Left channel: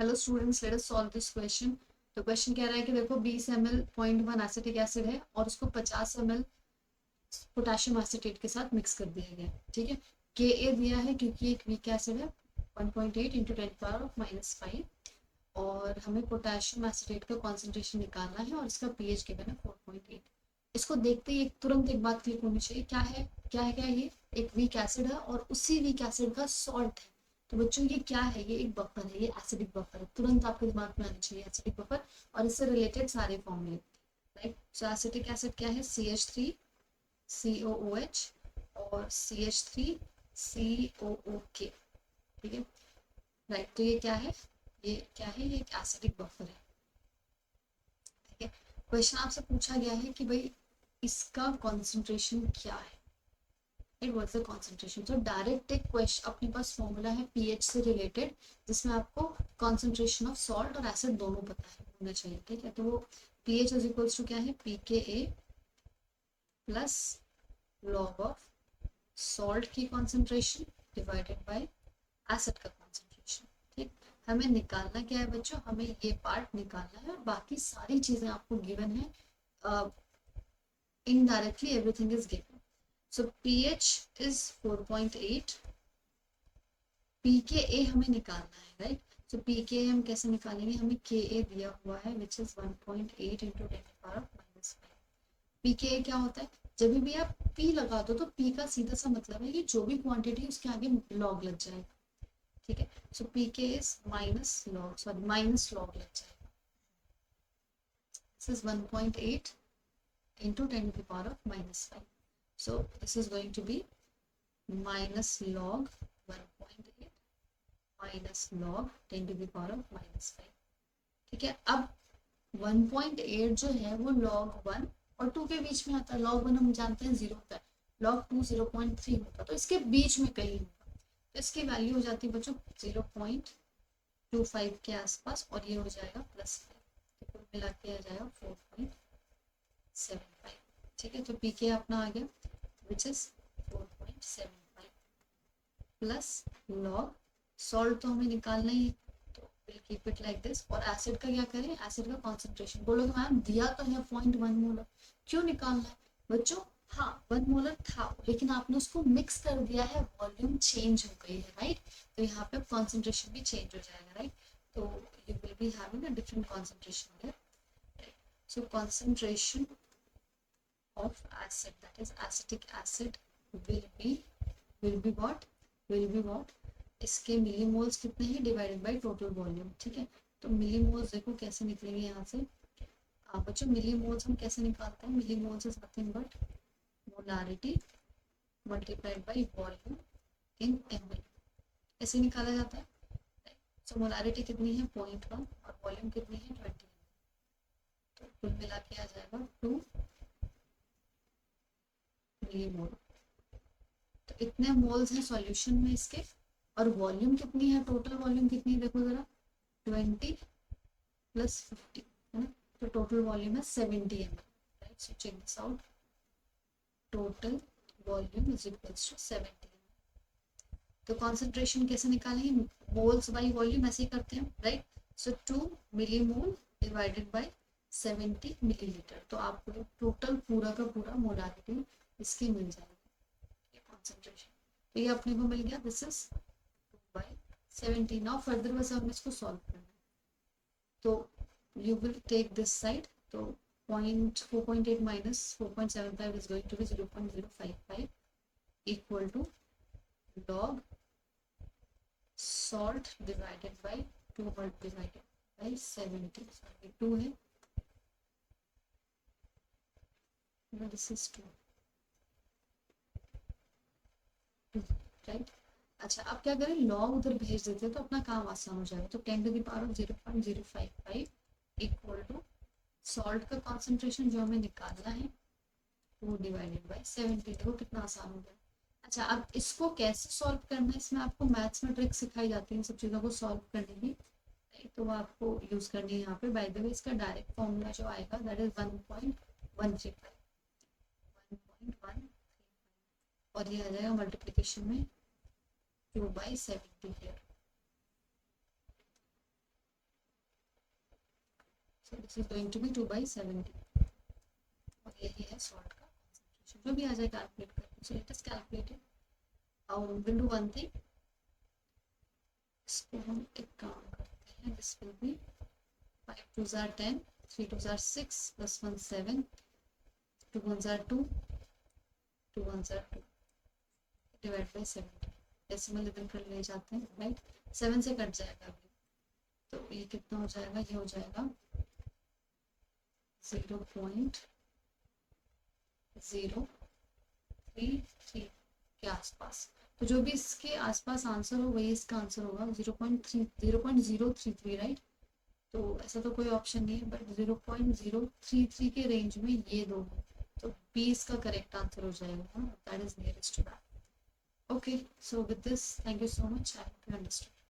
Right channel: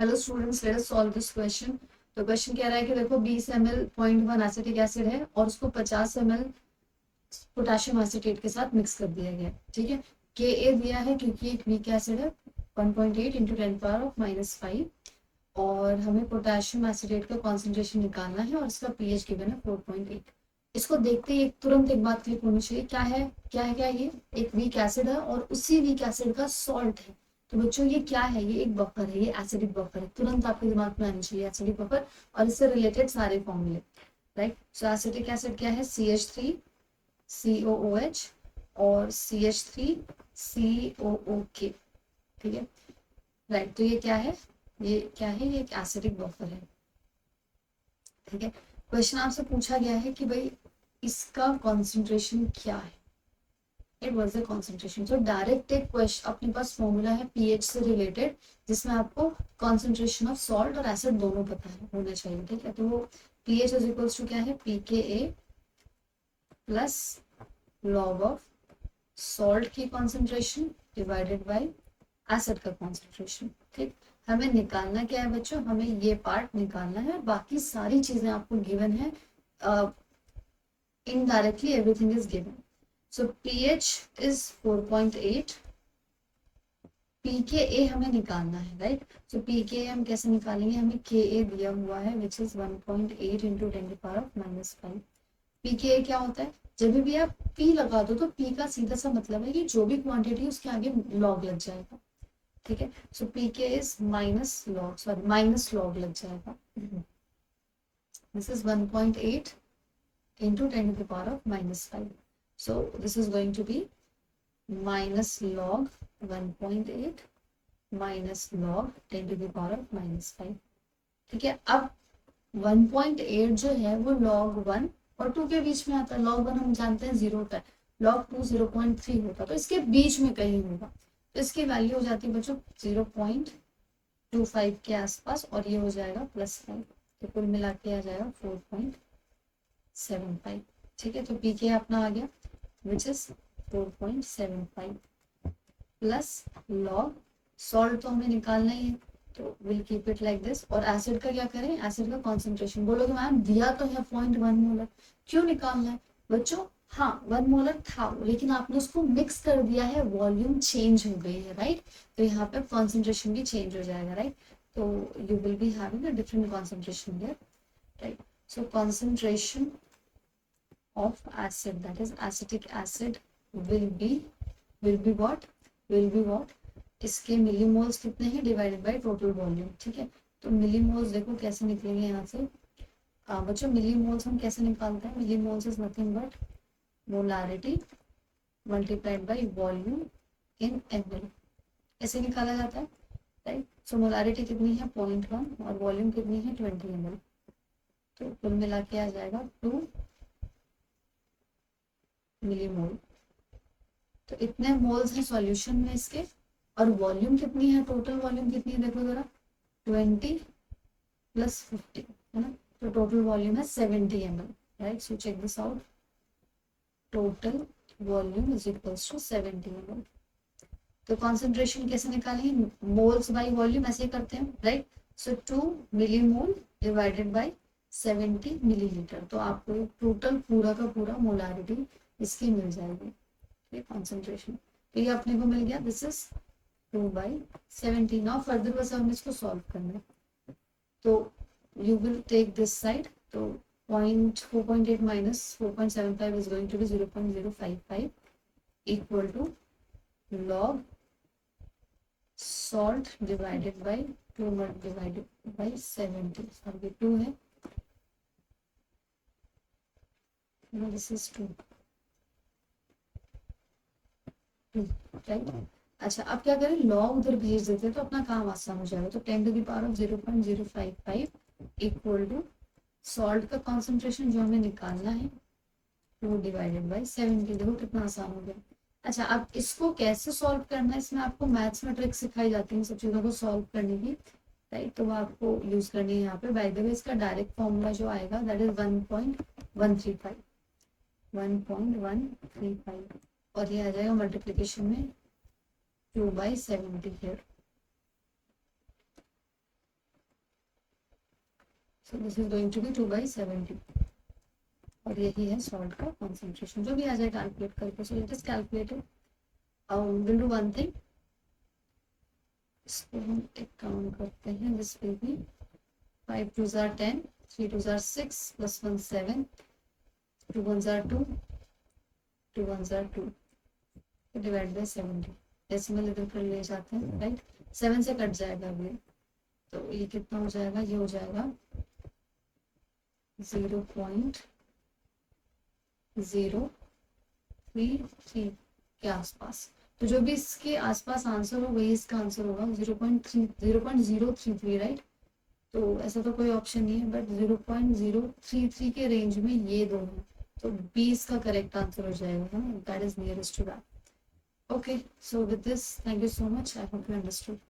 Hello students, let us solve this question. तो question कह रहा है कि देखो 20 ml 0.1 एसिटिक एसिड है और उसको 50 ml पोटेशियम एसीटेट के साथ मिक्स कर दिया गया है। ठीक है, के ए दिया है क्योंकि एक वीक एसिड है 1.8 इंटू 10⁻⁻⁵ और हमें पोटेशियम एसीटेट का कॉन्सेंट्रेशन निकालना है और इसका पीएच गिवन है 4.8। इसको देखते ही तुरंत एक बात क्लिक होनी चाहिए, क्या है क्या है क्या है, ये एक वीक एसिड है और उसी वीक एसिड का सॉल्ट है। तो बच्चों ये क्या है, ये एक बफर है, ये एसिडिक बफर है। तुरंत आपके दिमाग में आनी चाहिए एसिडिक बफर और इससे रिलेटेड सारे फॉर्मूले। राइट, सो एसिटिक एसिड क्या है, CH3 COOH और CH3 COOK। ठीक है, राइट, तो ये क्या है, ये क्या है, ये एक एसिडिक बफर है। ठीक है, क्वेश्चन आपसे पूछा गया है कि भाई इसका कॉन्सेंट्रेशन क्या है, इट वाज द कॉन्सेंट्रेशन। तो डायरेक्ट एक क्वेश्चन अपने पास फॉर्मूला है पीएच से रिलेटेड, जिसमें आपको कॉन्सेंट्रेशन ऑफ सॉल्ट और एसिड दोनों पता है होना चाहिए। ठीक है, तो वो पीएच इज इक्वल्स टू क्या है, pKa plus log of salt की कॉन्सेंट्रेशन डिवाइडेड बाय एसिड का कॉन्सेंट्रेशन। ठीक, हमें निकालना क्या है बच्चों, हमें ये पार्ट निकालना है, बाकी सारी चीजें आपको गिवन है। Indirectly everything is given. So pH is 4.8, pKa हमें निकालना है। राइट, सो pKa हम कैसे निकालेंगे, हमें Ka दिया हुआ है विच इज 1.8 इंटू 10⁻⁻⁵। pKa क्या होता है, जब भी आप p लगा दो तो p का सीधा सा मतलब है कि जो भी क्वांटिटी है उसके आगे लॉग लग जाएगा। ठीक है, सो pK इज माइनस लॉग लग जाएगा। This is 1.8 into 10⁻⁻⁵. So this is going to be minus log 1.8 minus log 10⁻⁻⁵. ठीक है, अब 1.8 जो है वो log 1 और 2 के बीच में आता है। log 1 हम जानते हैं 0 होता है, log 2 0.3 होता है, तो इसके बीच में कहीं होगा। तो इसकी वैल्यू हो जाती है बच्चों 0.25 के आसपास और ये हो जाएगा +5, तो कुल मिला के आ जाएगा 4.75। ठीक है, तो पीके अपना आ गया which is 4.75 plus log salt तो हमें निकालना ही है, तो will keep it like this. और एसिड का क्या करें, एसिड का कॉन्सेंट्रेशन बोलोगे मैम दिया तो है 0.1 मोलर, क्यों निकालना है बच्चों। हाँ 1 मोलर था लेकिन आपने उसको मिक्स कर दिया है, वॉल्यूम चेंज हो गई है। राइट, तो यहाँ पे कॉन्सेंट्रेशन भी चेंज हो जाएगा। राइट, तो you will be having a different concentration here. Right, so concentration of acid, that is acetic acid will be what, इसके मिलीमोल्स कितने हैं डिवाइडेड बाय टोटल वॉल्यूम। ठीक है, तो मिलीमोल्स देखो कैसे निकलेंगे यहाँ से। बच्चों मिलीमोल्स हम कैसे निकालते हैं, millimoles is nothing but molarity multiplied by volume in ml। ऐसे निकाला जाता है। राइट, सो मोलारिटी कितनी है 0.1 और वॉल्यूम कितनी है 20 ml, तो कुल मिला के आ जाएगा 2 मिलीमोल। तो इतने मोल्स हैं सॉल्यूशन में इसके, और वॉल्यूम कितनी है, टोटल वॉल्यूम कितनी है देखो जरा, 20 प्लस 50 है ना, तो टोटल वॉल्यूम है 70 ml। Right, so check this out, total volume is equals to 70 ml। तो कॉन्सेंट्रेशन कैसे निकालेंगे, मोल्स बाय वॉल्यूम ऐसे ही करते हैं। Right, so 2 millimole divided by 70 millilitre, तो आपको टोटल पूरा का पूरा मोलारिटी इसकी मिल जाएगी, कॉन्सेंट्रेशन। तो ये अपने को मिल गया, दिस इज 2/70। नाउ फर्दर बस हमने इसको सॉल्व करना है, तो you will take this side, तो 4.8 minus 4.75 is going to be 0.055 equal to log salt divided by 2 divided by 70। अब ये 2 है, दिस इज 2। राइट, अच्छा अब क्या करें, लॉग उधर भेज देते हैं तो अपना काम आसान हो जाएगा। तो 10⁻0.055 इक्वल टू सॉल्ट का कॉन्सेंट्रेशन जो हमें निकालना है वो डिवाइडेड बाय 70। देखो कितना आसान हो गया। अच्छा अब इसको कैसे सॉल्व करना है, इसमें आपको मैथ्स में ट्रिक सिखाई जाती है सब चीज़ों को सॉल्व करने की। राइट, तो वो आपको यूज करनी है यहाँ पे। बाय द वे इसका डायरेक्ट फॉर्मूला जो आएगा दैट इज 1.135 और ये आ जाएगा मल्टीप्लीकेशन में 2/70 here। So this is going to be 2/70 और यही है सॉल्ट का कॉन्सेंट्रेशन, जो भी आ जाए कैलकुलेट करके. So it is calculated. Will do one thing, इसको हम एक काम करते हैं. This will be 5 2s are 10, 3 2s are 6, plus 1 7, 2 1s are 2, 2 1s are 2, divide by 70. Decimal इधर कर ले जाते हैं, राइट. 7 से कट जाएगा अभी, तो ये कितना हो जाएगा, ये हो जाएगा 0.033 के आसपास. तो जो भी इसके आसपास आंसर हो वही इसका आंसर होगा. 0.033, राइट. तो ऐसा तो कोई ऑप्शन नहीं है, बट 0.033 के रेंज में ये दोनों, तो 20 का करेक्ट आंसर हो जाएगा ना. That is nearest to that. Okay, so with this, thank you so much. I hope you understood.